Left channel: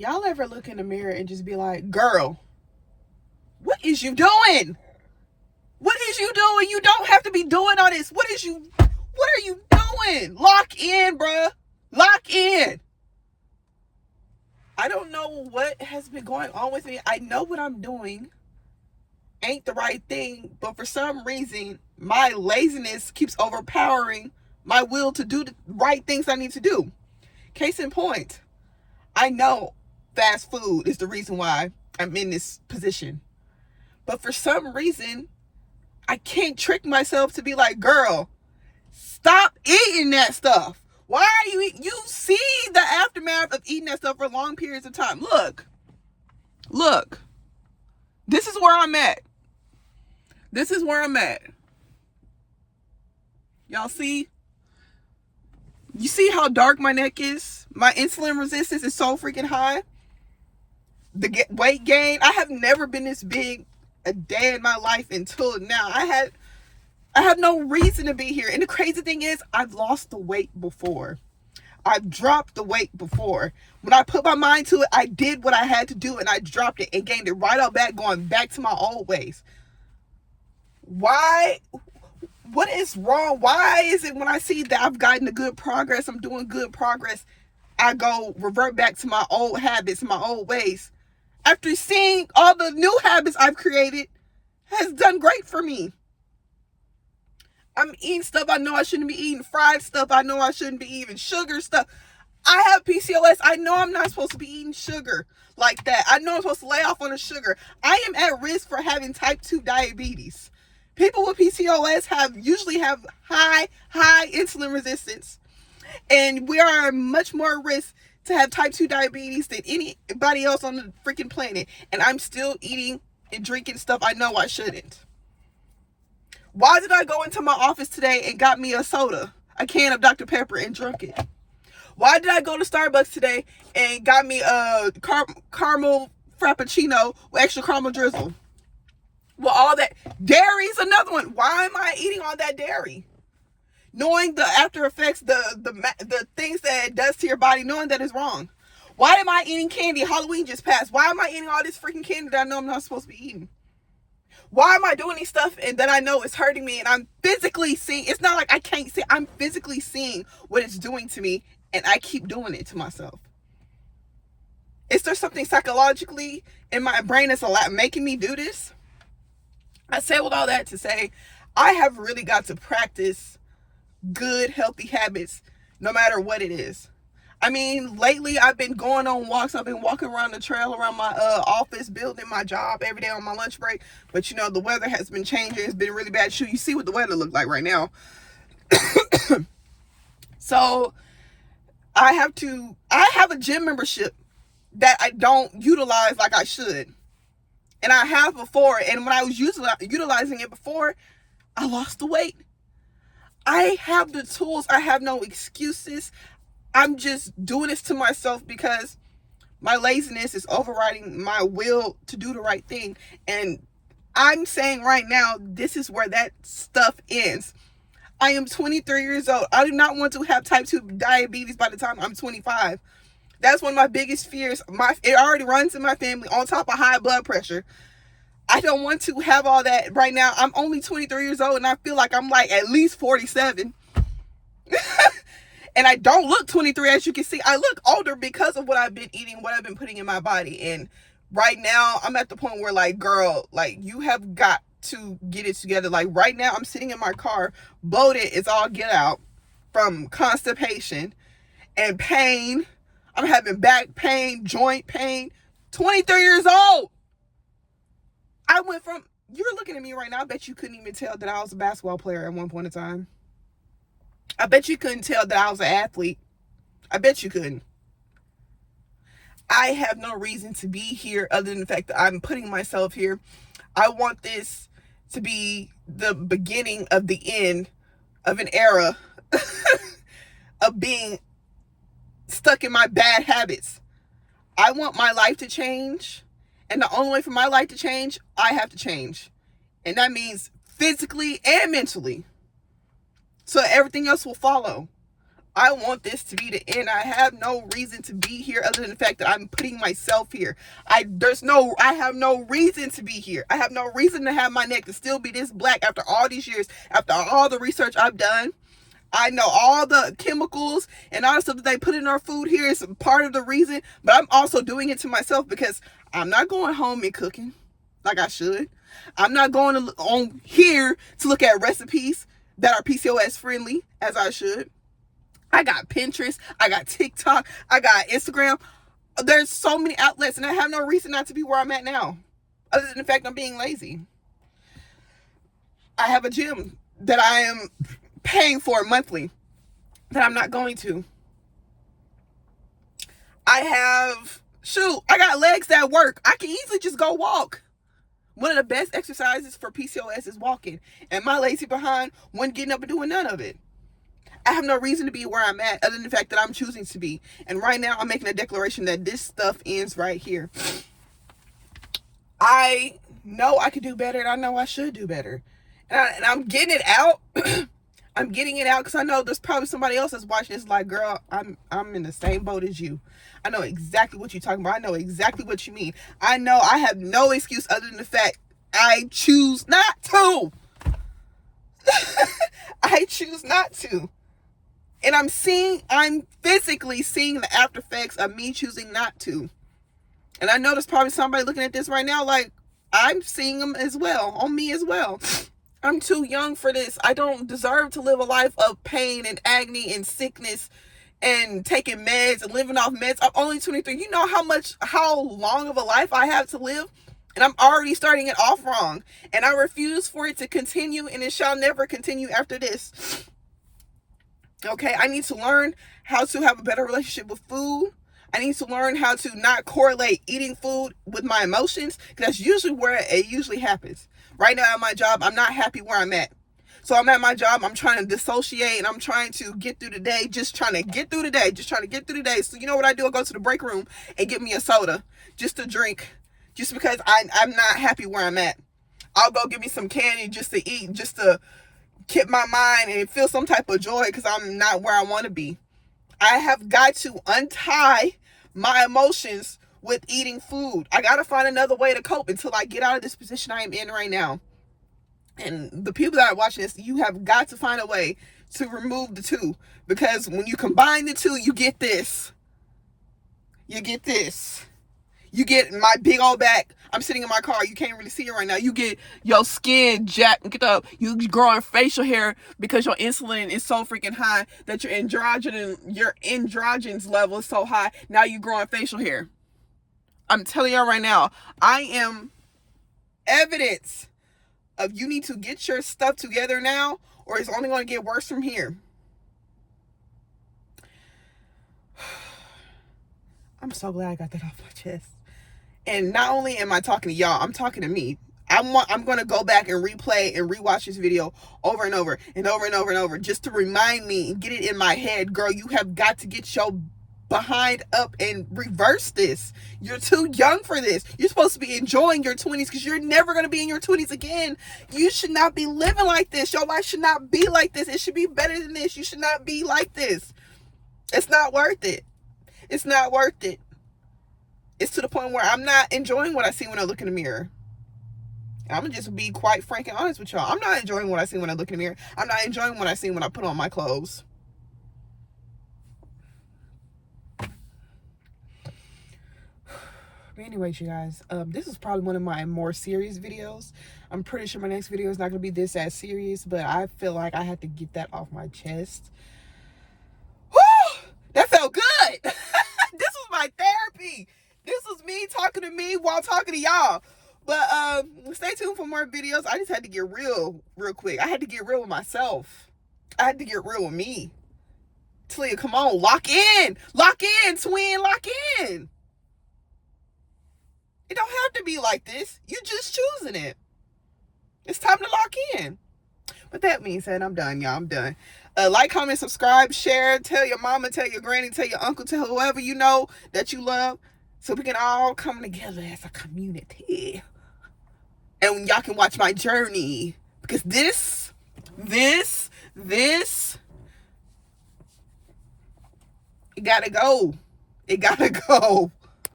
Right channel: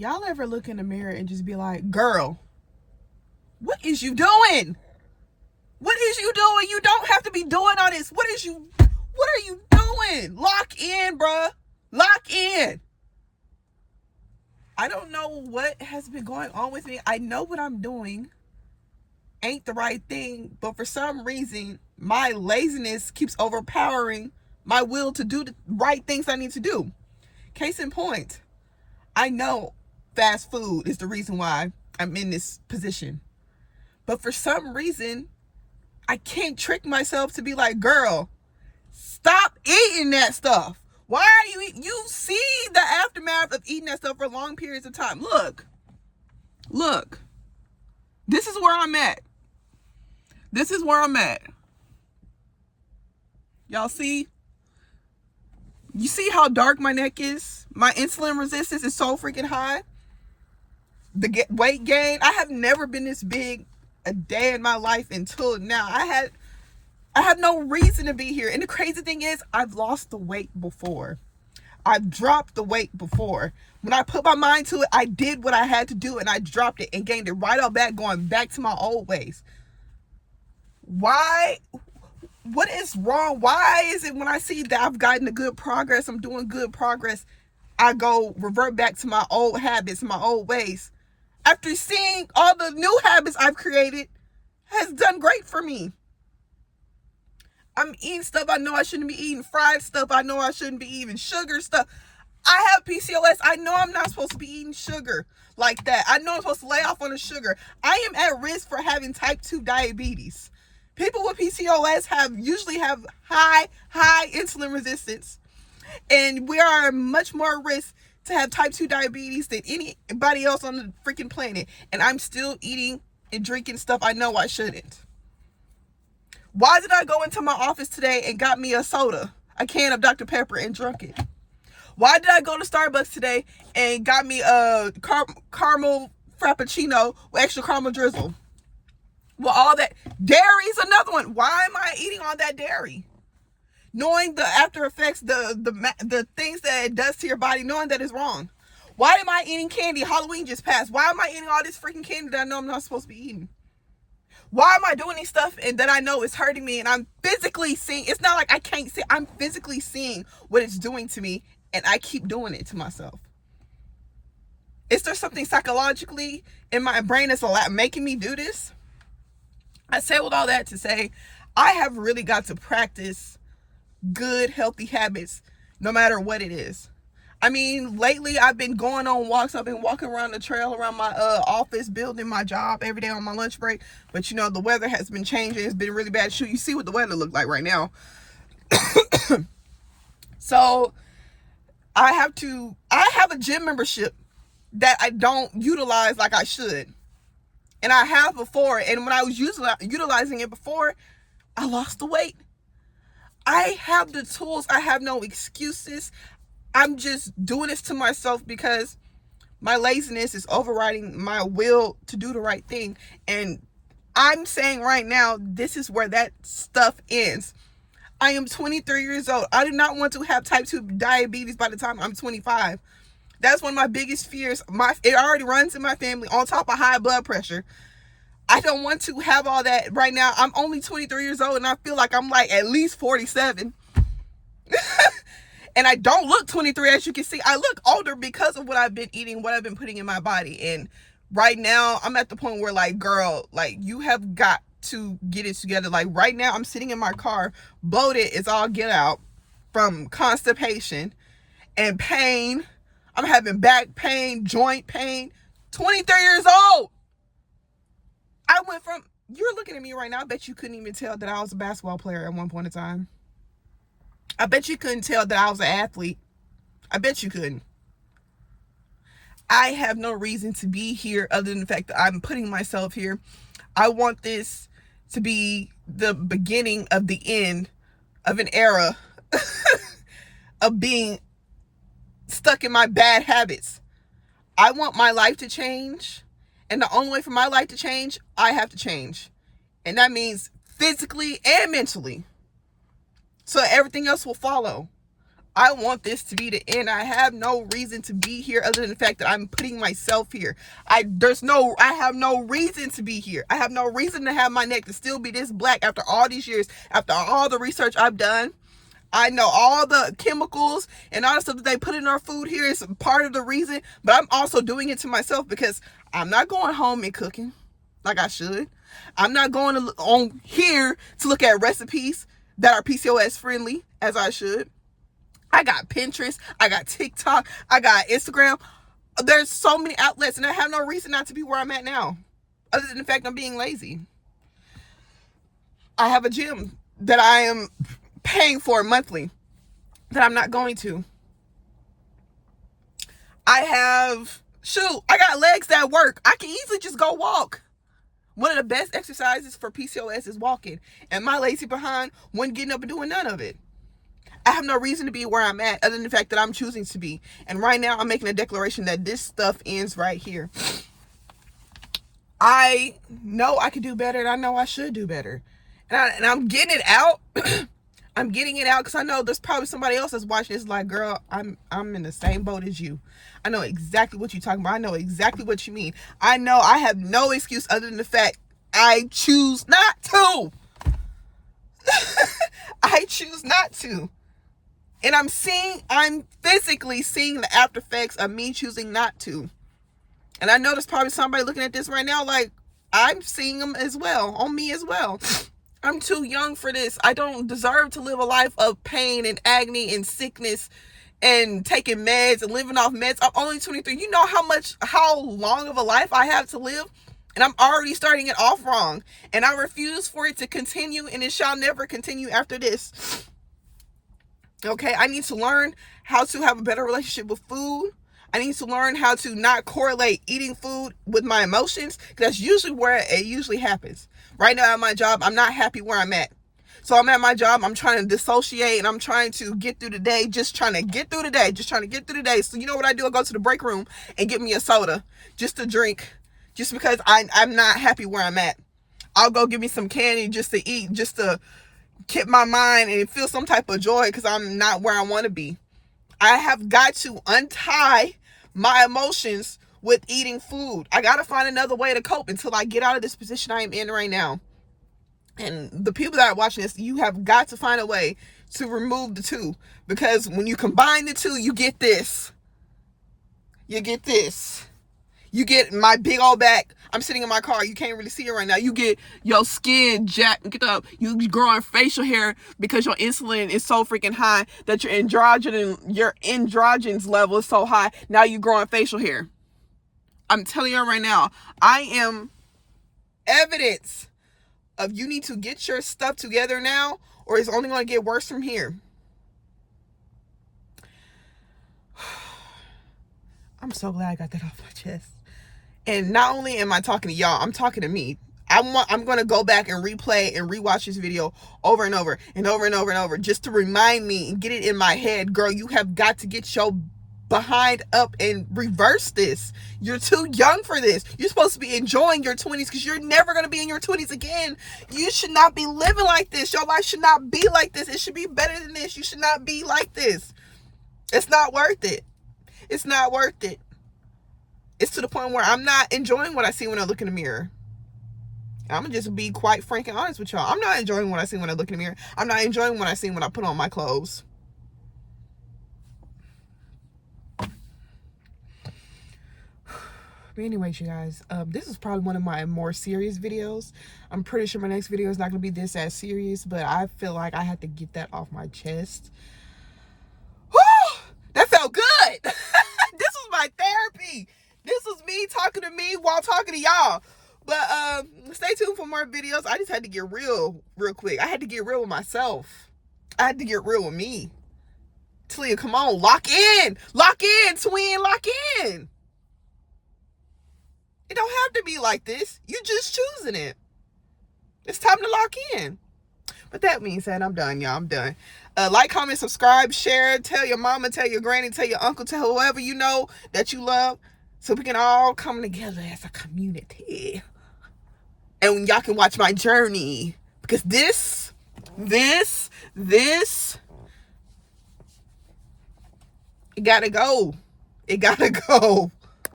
Y'all ever look in the mirror and just be like, girl, what is you doing? What is you doing? You don't have to be doing all this. What are you doing? Lock in, bruh. Lock in. I don't know what has been going on with me. I know what I'm doing ain't the right thing, but for some reason, my laziness keeps overpowering my will to do the right things I need to do. Case in point, I know fast food is the reason why I'm in this position. But for some reason, I can't trick myself to be like, girl, stop eating that stuff. Why are you eating? You see the aftermath of eating that stuff for long periods of time. Look, this is where I'm at. This is where I'm at. Y'all see? You see how dark my neck is? My insulin resistance is so freaking high. The weight gain, I have never been this big a day in my life until now. I have no reason to be here. And the crazy thing is, I've lost the weight before. I've dropped the weight before. When I put my mind to it, I did what I had to do and I dropped it and gained it right out back, going back to my old ways. Why? What is wrong? Why is it when I see that I've gotten the good progress, I'm doing good progress, I go revert back to my old habits, my old ways? After seeing all the new habits I've created has done great for me. I'm eating stuff I know I shouldn't be eating, fried stuff I know I shouldn't be eating, sugar stuff. I have PCOS. I know I'm not supposed to be eating sugar like that. I know I'm supposed to lay off on the sugar. I am at risk for having type 2 diabetes. People with PCOS usually have high insulin resistance. And we are much more at risk to have type 2 diabetes than anybody else on the freaking planet. And I'm still eating and drinking stuff I know I shouldn't. Why did I go into my office today and got me a soda, a can of Dr. Pepper, and drunk it? Why did I go to Starbucks today and got me a caramel frappuccino with extra caramel drizzle? Well, all that dairy's another one. Why am I eating all that dairy? Knowing the after effects, the things that it does to your body, knowing that it's wrong. Why am I eating candy? Halloween just passed. Why am I eating all this freaking candy that I know I'm not supposed to be eating? Why am I doing these stuff and that I know is hurting me and I'm physically seeing? It's not like I can't see. I'm physically seeing what it's doing to me and I keep doing it to myself. Is there something psychologically in my brain that's making me do this? I say with all that to say, I have really got to practice good, healthy habits, no matter what it is. I mean, lately I've been going on walks. I've been walking around the trail around my office building, my job every day on my lunch break. But you know, the weather has been changing. It's been really bad. Shoot, you see what the weather look like right now. So I have a gym membership that I don't utilize like I should. And I have before. And when I was utilizing it before, I lost the weight. I have the tools. I have no excuses. I'm just doing this to myself because my laziness is overriding my will to do the right thing. And I'm saying right now, this is where that stuff ends. I am 23 years old. I do not want to have type 2 diabetes by the time I'm 25. That's one of my biggest fears. It already runs in my family on top of high blood pressure. I don't want to have all that right now. I'm only 23 years old and I feel like I'm like at least 47. And I don't look 23, as you can see. I look older because of what I've been eating, what I've been putting in my body. And right now, I'm at the point where, like, girl, like, you have got to get it together. Like, right now, I'm sitting in my car, bloated as all get out from constipation and pain. I'm having back pain, joint pain. 23 years old. I went from, you're looking at me right now, I bet you couldn't even tell that I was a basketball player at one point in time. I bet you couldn't tell that I was an athlete. I bet you couldn't. I have no reason to be here other than the fact that I'm putting myself here. I want this to be the beginning of the end of an era of being stuck in my bad habits. I want my life to change. And the only way for my life to change, I have to change. And that means physically and mentally. So everything else will follow. I want this to be the end. I have no reason to be here other than the fact that I'm putting myself here. I have no reason to be here. I have no reason to have my neck to still be this black after all these years, after all the research I've done. I know all the chemicals and all the stuff that they put in our food here is part of the reason, but I'm also doing it to myself because I'm not going home and cooking like I should. I'm not going on here to look at recipes that are PCOS friendly as I should. I got Pinterest, I got TikTok, I got Instagram. There's so many outlets, and I have no reason not to be where I'm at now, other than the fact I'm being lazy. I have a gym that I am paying for monthly that I'm not going to. I got legs that work. I can easily just go walk. One of the best exercises for PCOS is walking, and my lazy behind wasn't getting up and doing none of it. I have no reason to be where I'm at other than the fact that I'm choosing to be. And right now I'm making a declaration that this stuff ends right here. I know I could do better, and I know I should do better. And I'm getting it out. I'm getting it out because I know there's probably somebody else that's watching this like, girl, I'm in the same boat as you. I know exactly what you're talking about. I know exactly what you mean. I know I have no excuse other than the fact I choose not to. I choose not to. And I'm physically seeing the after effects of me choosing not to. And I know there's probably somebody looking at this right now like, I'm seeing them as well, on me as well. I'm too young for this. I don't deserve to live a life of pain and agony and sickness and taking meds and living off meds. I'm only 23. You know how long of a life I have to live? And I'm already starting it off wrong. And I refuse for it to continue, and it shall never continue after this. Okay, I need to learn how to have a better relationship with food. I need to learn how to not correlate eating food with my emotions, because that's usually where it usually happens. Right now at my job, I'm not happy where I'm at. So I'm at my job, I'm trying to dissociate, and I'm trying to get through the day, just trying to get through the day. So you know what I do? I go to the break room and get me a soda just to drink, just because I'm not happy where I'm at. I'll go get me some candy just to eat, just to keep my mind and feel some type of joy because I'm not where I want to be. I have got to untie my emotions with eating food. I got to find another way to cope until I get out of this position I am in right now. And the people that are watching this, you have got to find a way to remove the two, because when you combine the two, you get this. You get this. You get my big old back. I'm sitting in my car. You can't really see it right now. You get your skin jacked. Get up. You growing facial hair because your insulin is so freaking high that your androgens level is so high. Now you growing facial hair. I'm telling you right now, I am evidence of you need to get your stuff together now, or it's only going to get worse from here. I'm so glad I got that off my chest. And not only am I talking to y'all, I'm talking to me. I'm going to go back and replay and rewatch this video over and over and over and over and over just to remind me and get it in my head. Girl, you have got to get your behind up and reverse this. You're too young for this. You're supposed to be enjoying your 20s because you're never going to be in your 20s again. You should not be living like this. Your life should not be like this. It should be better than this. You should not be like this. It's not worth it. It's not worth it. It's to the point where I'm not enjoying what I see when I look in the mirror. I'm going to just be quite frank and honest with y'all. I'm not enjoying what I see when I look in the mirror. I'm not enjoying what I see when I put on my clothes. But anyways, you guys, this is probably one of my more serious videos. I'm pretty sure my next video is not going to be this as serious, but I feel like I had to get that off my chest. Whew! That felt good. This was my therapy. This was me talking to me while talking to y'all. But stay tuned for more videos. I just had to get real quick. I had to get real with myself. I had to get real with me. Talia, come on, lock in, twin, lock in. It don't have to be like this. You just choosing it. It's time to lock in. But that being said, I'm done, y'all. I'm done. Like, comment, subscribe, share, tell your mama, tell your granny, tell your uncle, tell whoever you know that you love, so we can all come together as a community. And y'all can watch my journey. Because this It gotta go. It gotta go.